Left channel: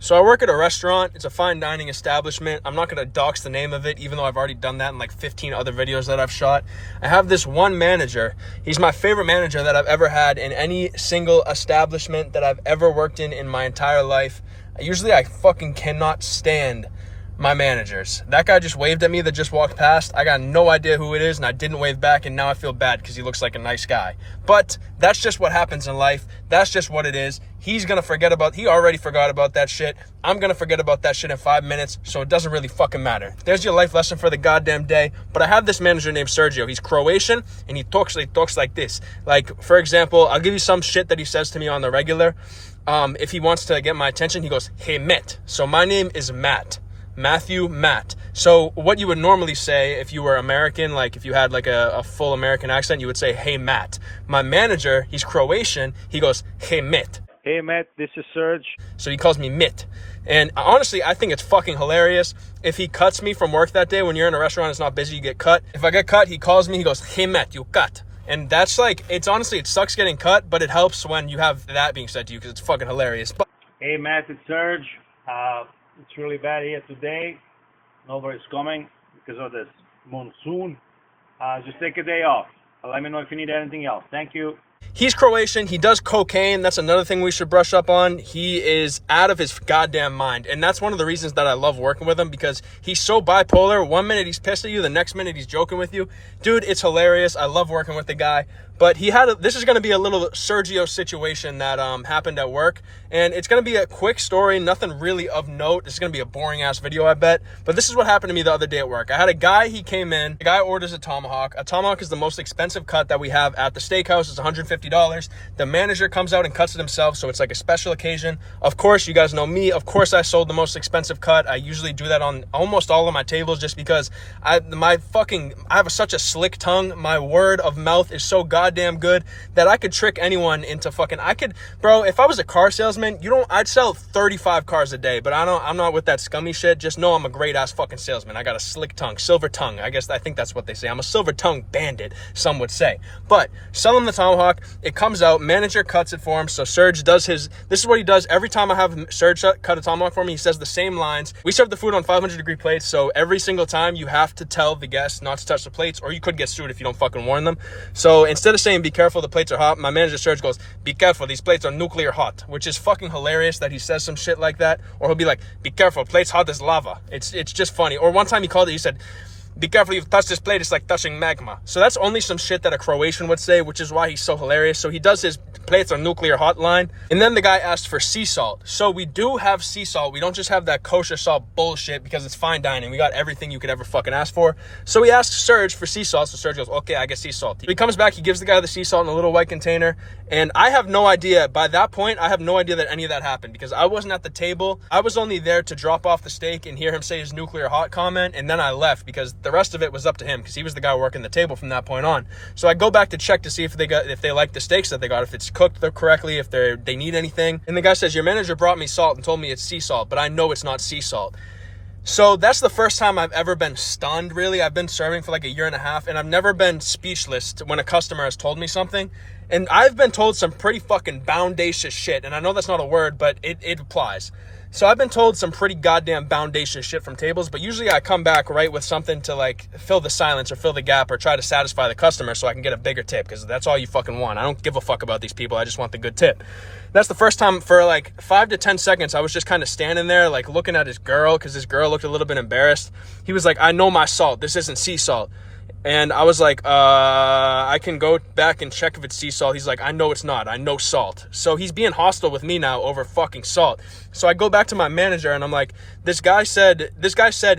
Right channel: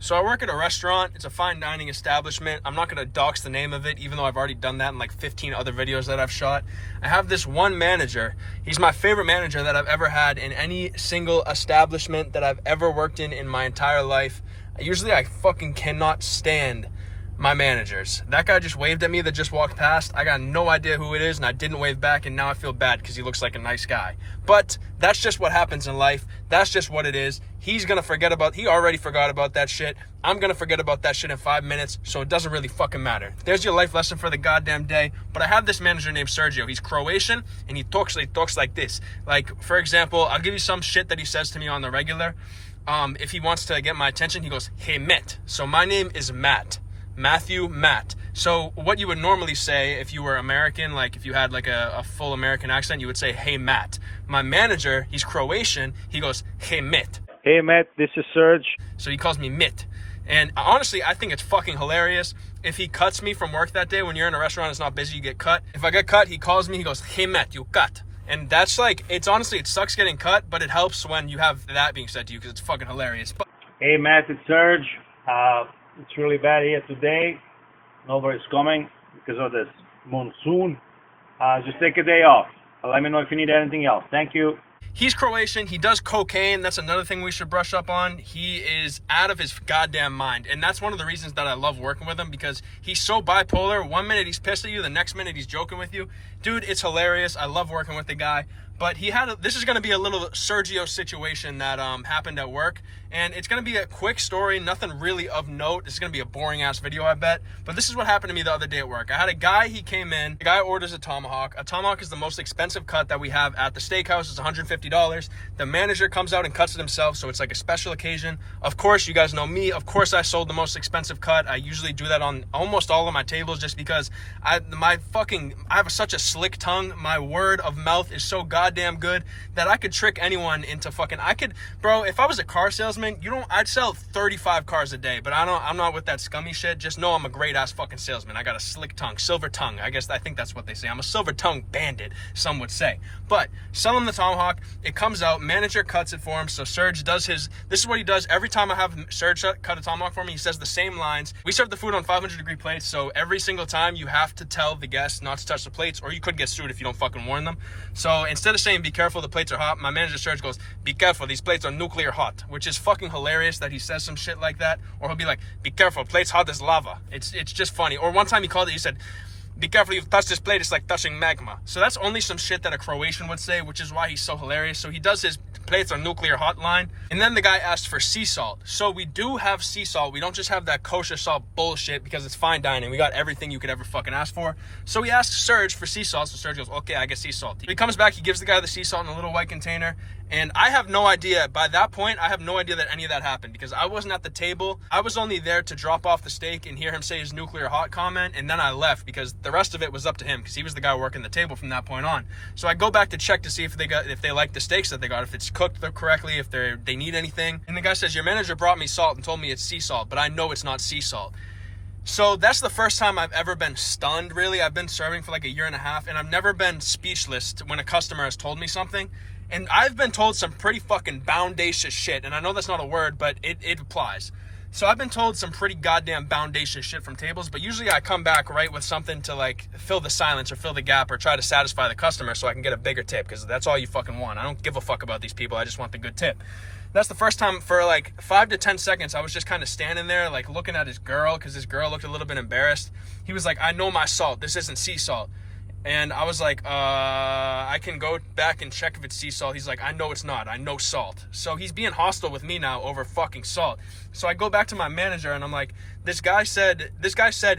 So I work at a restaurant. It's a fine dining establishment. I'm not going to dox the name of it, even though I've already done that in like 15 other videos that I've shot. I have this one manager. He's my favorite manager that I've ever had in any single establishment that I've ever worked in my entire life. Usually I fucking cannot stand my managers. That guy just waved at me that just walked past. I got no idea who it is, and I didn't wave back, and now I feel bad because he looks like a nice guy. But that's just what happens in life. That's just what it is. He already forgot about that shit. I'm gonna forget about that shit in 5 minutes, so it doesn't really fucking matter. There's your life lesson for the goddamn day. But I have this manager named Sergio. He's Croatian, and he talks like this. Like, for example, I'll give you some shit that he says to me on the regular. If he wants to get my attention, he goes, "Hey, Matt." So my name is Matt. Matt. So what you would normally say if you were American, like if you had like a full American accent, you would say, "Hey, Matt." My manager, he's Croatian. He goes, "Hey, Matt." Hey, Matt, this is Serg. So he calls me Mitt. And honestly, I think it's fucking hilarious. If he cuts me from work that day, when you're in a restaurant, it's not busy, you get cut. If I get cut, he calls me, he goes, "Hey, Matt, you cut." And that's like, it sucks getting cut, but it helps when you have that being said to you because it's fucking hilarious. But Hey, Matt, it's Serg. It's really bad here today. Nobody's coming because of this monsoon. Just take a day off. Let me know if you need anything else. Thank you. he's Croatian. He does cocaine. That's another thing we should brush up on. He is out of his goddamn mind. And that's one of the reasons that I love working with him, because he's so bipolar. 1 minute he's pissed at you, the next minute he's joking with you. Dude, it's hilarious. I love working with the guy. But this is going to be a little Sergio situation that happened at work. And it's going to be a quick story, nothing really of note. It's going to be a boring ass video, I bet. But this is what happened to me the other day at work. I had a guy, he came in, the guy orders a tomahawk. A tomahawk is the most expensive cut that we have at the steakhouse. It's $150. The manager comes out and cuts it himself, so it's like a special occasion. Of course, you guys know me. Of course, I sold the most expensive cut. I usually do that on almost all of my tables just because I have such a slick tongue. My word of mouth is so goddamn good that I could trick anyone into bro, if I was a car salesman, I'd sell 35 cars a day, but I'm not with that scummy shit. Just know I'm a great ass fucking salesman. I got a slick tongue, silver tongue. I think that's what they say. I'm a silver tongue bandit, some would say. But sell him the tomahawk. It comes out, manager cuts it for him. So Serge does this is what he does every time I have Serge cut a tomahawk for me. He says the same lines. We serve the food on 500-degree plates, so every single time you have to tell the guests not to touch the plates, or you could get sued if you don't fucking warn them. So instead of saying, "Be careful, the plates are hot," my manager Serge goes, "Be careful, these plates are nuclear hot," which is fucking hilarious that he says some shit like that. Or he'll be like, "Be careful, plates hot as lava." It's just funny. Or one time he said, "Be careful, you've touched this plate, it's like touching magma." So that's only some shit that a Croatian would say, which is why he's so hilarious. So he does his "plates are nuclear hot" line. And then the guy asked for sea salt. So we do have sea salt. We don't just have that kosher salt bullshit because it's fine dining. We got everything you could ever fucking ask for. So we asked Serge for sea salt. So Serge goes, "Okay, I get sea salt." He comes back, he gives the guy the sea salt in a little white container. And I have no idea, by that point, I have no idea that any of that happened because I wasn't at the table. I was only there to drop off the steak and hear him say his nuclear hot comment. And then I left because the rest of it was up to him because he was the guy working the table from that point on. So I go back to check to see if they like the steaks that they got, if it's cooked correctly, if they need anything. And the guy says, "Your manager brought me salt and told me it's sea salt, but I know it's not sea salt." So that's the first time I've ever been stunned, really. I've been serving for like a year and a half, and I've never been speechless when a customer has told me something. And I've been told some pretty fucking boundacious shit, and I know that's not a word, but it applies. So I've been told some pretty goddamn boundacious shit from tables, but usually I come back right with something to like fill the silence or fill the gap or try to satisfy the customer so I can get a bigger tip, because that's all you fucking want. I don't give a fuck about these people. I just want the good tip. That's the first time for like 5 to 10 seconds, I was just kind of standing there like looking at his girl, because his girl looked a little bit embarrassed. He was like, "I know my salt. This isn't sea salt." And I was like, I can go back and check if it's sea salt. He's like, "I know it's not. I know salt." So he's being hostile with me now over fucking salt. So I go back to my manager and I'm like, this guy said,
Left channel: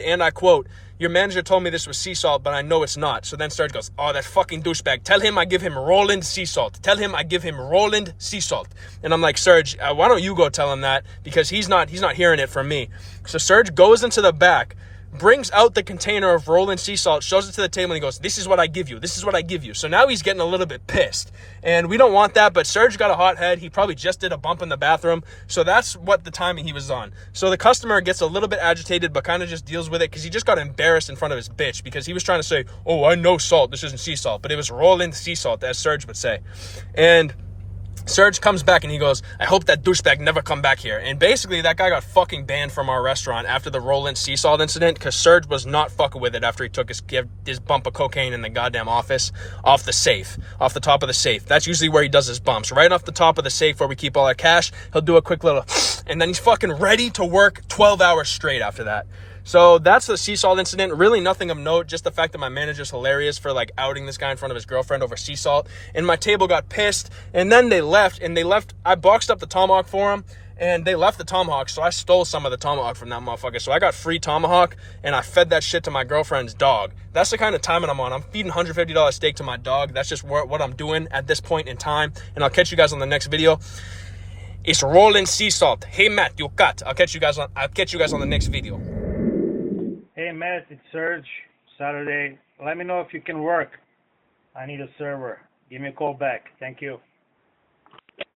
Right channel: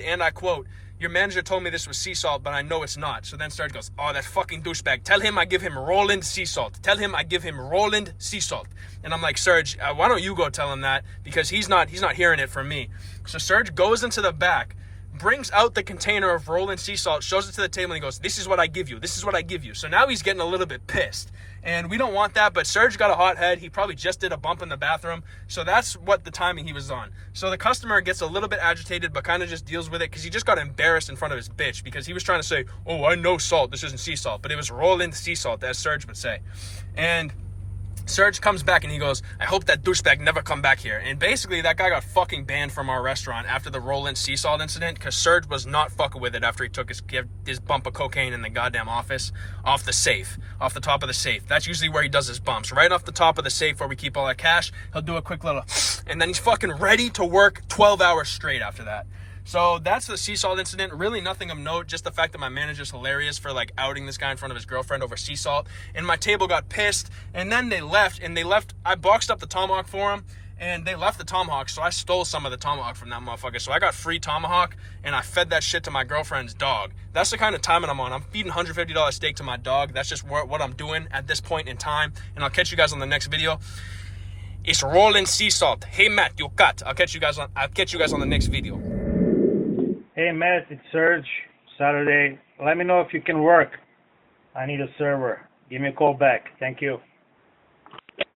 and I quote, "Your manager told me this was sea salt, but I know it's not." So then Serge goes, "Oh, that fucking douchebag. Tell him I give him Roland sea salt. Tell him I give him Roland sea salt." And I'm like, "Serge, why don't you go tell him that? Because he's not hearing it from me." So Serge goes into the back, brings out the container of Roland sea salt, shows it to the table, and he goes, "This is what I give you. This is what I give you." So now he's getting a little bit pissed. And we don't want that, but Serge got a hot head. He probably just did a bump in the bathroom. So that's what the timing he was on. So the customer gets a little bit agitated, but kind of just deals with it because he just got embarrassed in front of his bitch because he was trying to say, "Oh, I know salt. This isn't sea salt." But it was Roland sea salt, as Serge would say. And Serge comes back and he goes, I hope that douchebag never come back here. And basically, that guy got fucking banned from our restaurant after the Roland sea salt incident because Serge was not fucking with it after he took his bump of cocaine in the goddamn office off the safe, off the top of the safe. That's usually where he does his bumps. Right off the top of the safe where we keep all our cash, he'll do a quick little, and then he's fucking ready to work 12 hours straight after that. So that's the sea salt incident. Really nothing of note, just the fact that my manager's hilarious for like outing this guy in front of his girlfriend over sea salt. And my table got pissed, and then they left. I boxed up the tomahawk for him, and they left the tomahawk, so I stole some of the tomahawk from that motherfucker. So I got free tomahawk, and I fed that shit to my girlfriend's dog. That's the kind of timing I'm on. I'm feeding $150 steak to my dog. That's just what I'm doing at this point in time. And I'll catch you guys on the next video. It's rolling sea salt. Hey Matt, you cut. I'll catch you guys on the next video. Hey Matt, it's Serge. Saturday. Let me know if you can work. I need a server. Give me a call back. Thank you.